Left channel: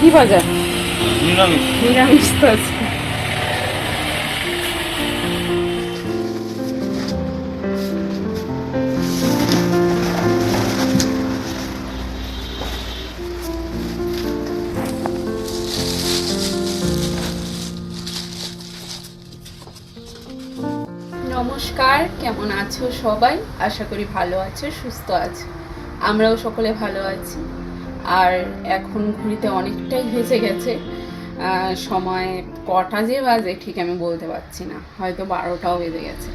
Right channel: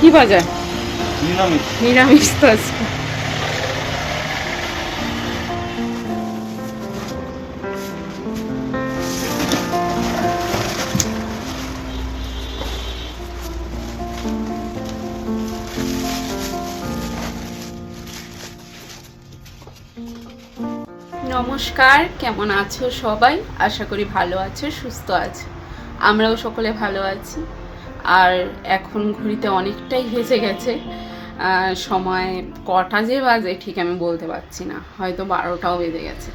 কি বাজার? নিরামিষ। নিরামিষ তো আজকে। নমস্কার, কেমন আছো সবাই? আশা করি ভালো আছো, সুস্থ আছো। আমরাও সকলে ভালো আছি। আর এখন ঘড়িতে অনেকটাই বেজে গেছে। সময় কটা যে বাজে ঠিক আমি বলতে পারছি না, হয়তো 12টাও বেজে গেছে।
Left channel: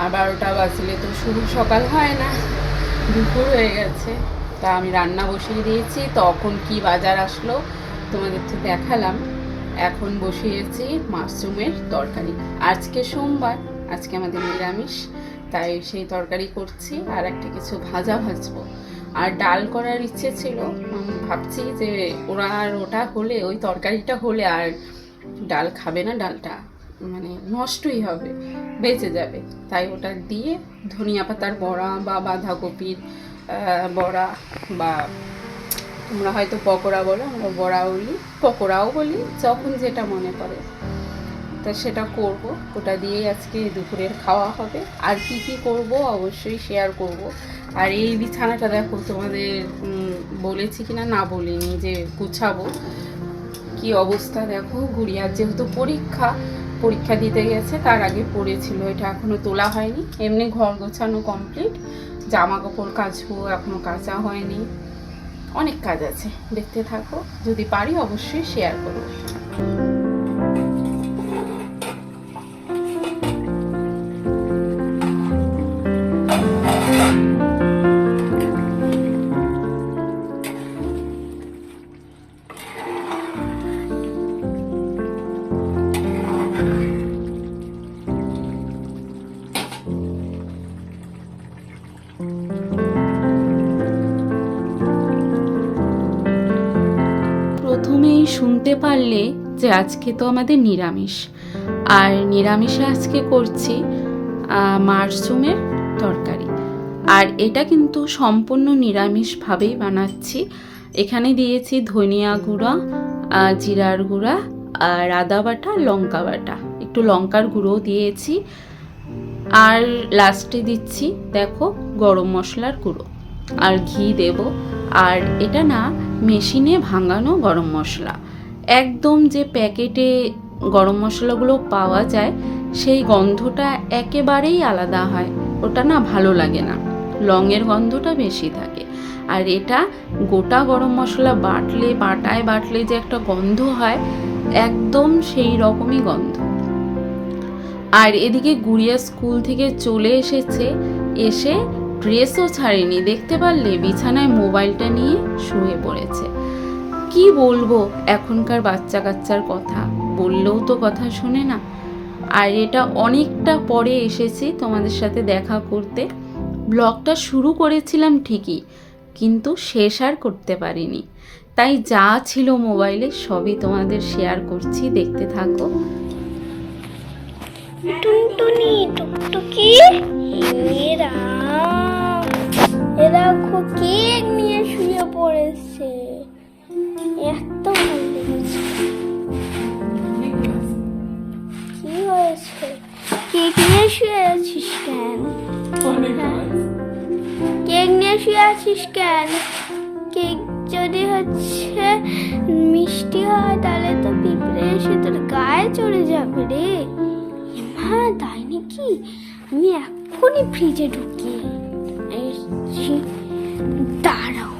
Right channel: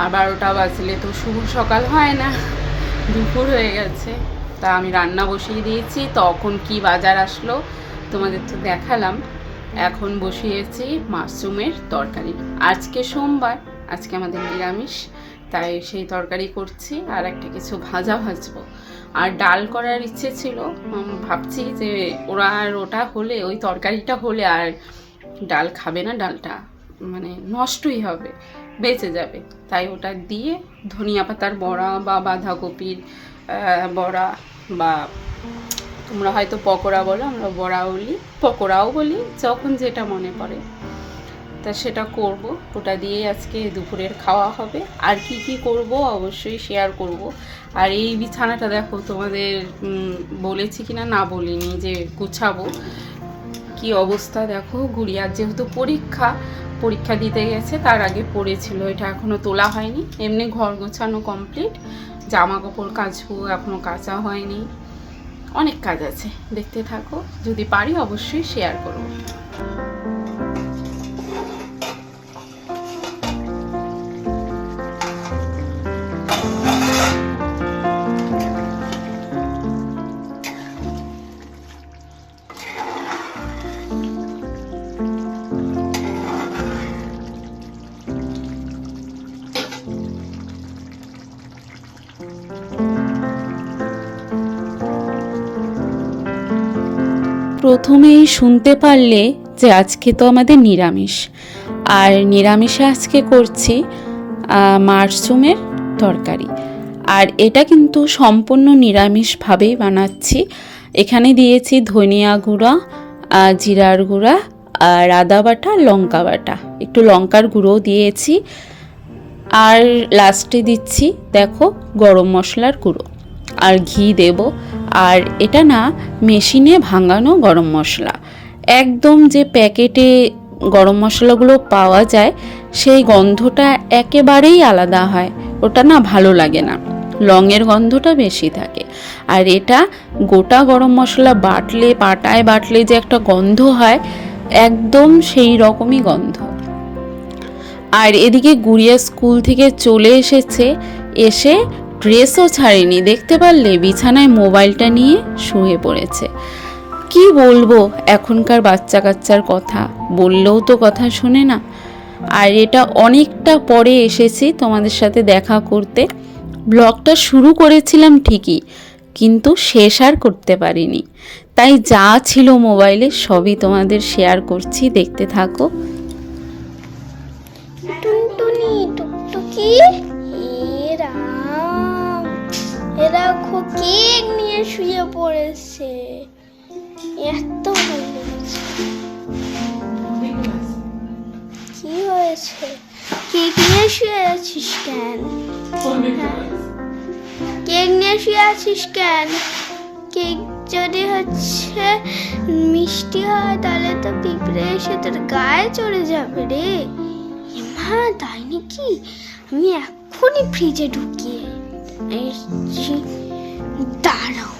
আর 12টা বাজলে তো শুভ সকাল হয় না, দুপুর হয়ে গেছে। তা আমি রান্না বসিয়ে দিয়েছি, তখন কি বাজার আসলো তোমাদের তো দেখালাম। এখন বসিয়েছি মাশরুমের তরকারি। আজকে সোমবার, আজকে আমাদের নিরামিষ, তাই সেই তরকারি করছি। আর একটা কিছু ভাজা ভাজবো, আর ডাল করার ইচ্ছে ছিল। ভাবছি যে ওটা হলে, ওই তরকারিটা হলে আর ডাল খাবে না, ডালটা মানে নষ্টই হবে, বেঁচে যাবে। তাই ওটা দিয়ে ধনিয়া পাতার বড়া বা বাঁধাকপির বড়া, বা তোমরা হয়তো পকোড়া বলো, আমরা বড়া বলি, পকোড়াও বলি, যখন যেটা মনে পড়ে তা সেটা করব। ওটা দিয়ে আজকে দুপুরের খাওয়া হবে। আর কি কি করব অবশ্যই শেয়ার করব। আর এই বিছানাটা দেখো, তোমাদের বলেছি কিনা না বলিনি যে গুছাবো, কি অবস্থা দেখো। গুড়িয়ার যেহেতু পরীক্ষা দিতে গেছে, তার আগে পড়েছিল, এটা এখনও তোলা হয়নি। এমনি ঘর গোছানো কমপ্লিট, জামা কাপড় কাচবো, এখনও কাচা হয়নি। অনেক কাজ আছে, দেখতে থাকো। যদি পারি অবশ্যই শেয়ার করব। প্রথমেই শুনতে পারলে যে আজকে তো আমাদের নিরামিষ, আর নিরামিষে আজকে করছি মাশরুমের তরকারি। আর এটা কিন্তু সম্পূর্ণ নিরামিষভাবেই বানাচ্ছি। এখানে দিয়েছি ধনিয়া গুঁড়া, জিরার গুঁড়া, আর আদা বাটা, লঙ্কা বাটা, একটু লঙ্কার গুঁড়োও দিয়েছি। আর লাস্টে দিচ্ছি দেখো গরম মশলার গুঁড়ো, আর ঘি দেব। আর এটা না মেশিনে ভাঙানো গরম মশলা, একদম যে প্যাকেটে গরম মশলাগুলো পাওয়া যায় সেই গন্ধটা একেবারেই আলাদা হয়, ওটা না ভালো লাগে না, লংয়ের গন্ধটা বেশি থাকে। আর এটা গোটা গরম মশলা পাটায় বাটলে যে একটা গন্ধ হয়, একদম সেই রকমই গন্ধ। আর এদিকে গুড়িয়া স্কুল থেকে চলে এসেছে, এসে ড্রেসও ছাড়েনি, দেখতে পারলে বিছানায় মোবাইলটা নিয়ে শুয়ে পড়েছে। কি বলবো এখনকার বাচ্চা কাচ্চার কথা, বললেও তো কথা শোনে না। আর এটা অনেকটা পরে এসেছি তোমাদের সাথে দেখা করতে। ব্লগটা শুরু করেছিলাম ঠিকই, কিন্তু শেষ আর করতে পারিনি। তাই যা ছিল মোবাইলে সবই তোমাদের শেয়ার করছি, দেখতে থাকো। টুনটুনি টুকটুকি, এরা কেক নিয়ে শুয়ে পড়েছে, এত ভালো লেগেছে। কি হয়েছে? কেক নিয়ে শুয়ে আছিস কেন? কেক নিয়ে শুয়ে আছিস কেন? কেক যদি হচ্ছে মিষ্টি হয়, তাহলে তো পিঁপড়ে এসে তোর গায়ে চড়ে যাবে রে। হ্যাঁ তাই নাকি? আমি এখনই ফ্রিজে ঢুকিয়ে দাঁড়াও।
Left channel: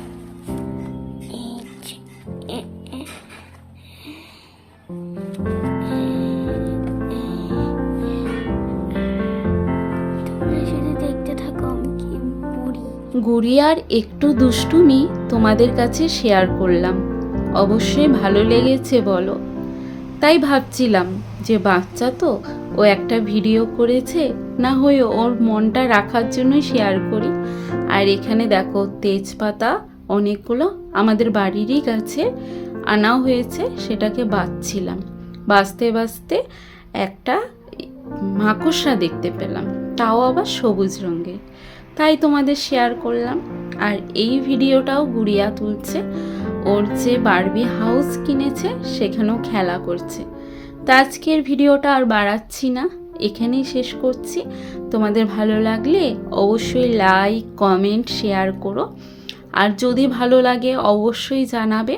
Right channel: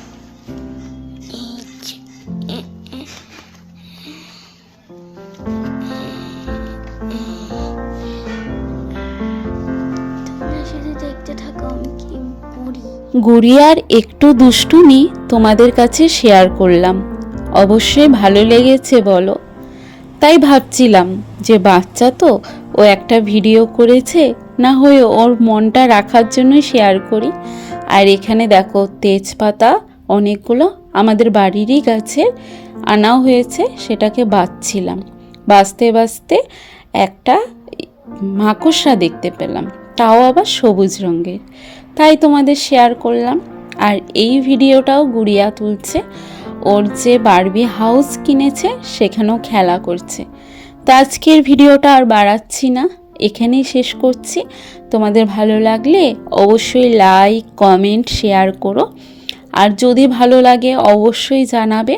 তোমরা শুধু দেখতে থাকো আমি কি করি। গুড়িয়ার একটু দুষ্টুমি তোমাদের কাছে শেয়ার করলাম, অবশ্যই ভালো লেগেছে বলো। তাই ভাবছিলাম যে বাচ্চা তো, ও একটা ভিডিও করেছে, না হয়ে ওর মনটা রাখার জন্য শেয়ার করি। আর এখানে দেখো তেজপাতা অনেকগুলো আমাদের বাড়িরই গাছে আনা হয়েছে, সেটাকে বাছছিলাম। বাছতে বাছতে একটা মাকড়সা দেখতে পেলাম, তাও আবার সবুজ রঙের, তাই তোমাদের শেয়ার করলাম। আর এই ভিডিওটাও গুড়িয়া তুলছে। ওর যে বারবি হাউস কিনেছে সেখানেও খেলা করছে। তো আজকের ভিডিওটা আর বাড়াচ্ছি না, এখানেই শেষ করছি। তোমাদের ভালো লাগলে অবশ্যই লাইক, কমেন্ট, শেয়ার করো। আর যদি ভালো লাগে অবশ্যই জানাবে,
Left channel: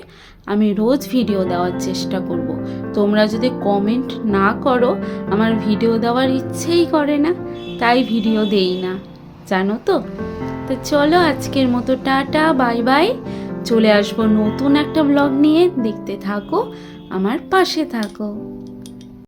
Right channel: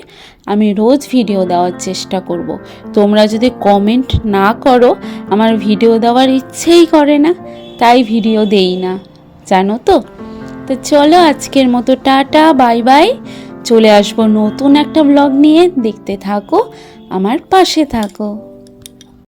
আমি রোজ ভিডিও দেওয়ার চেষ্টা করব। তোমরা যদি কমেন্ট না করো আমার ভিডিও দেওয়ার ইচ্ছেই করে না, তাই ভিডিও দেই না, জানো তো। তো চলো আজকের মতো টাটা, বাই বাই। চলে আসবো নতুন একটা ব্লগ নিয়ে, দেখতে থাকো, আমার পাশে থাকো।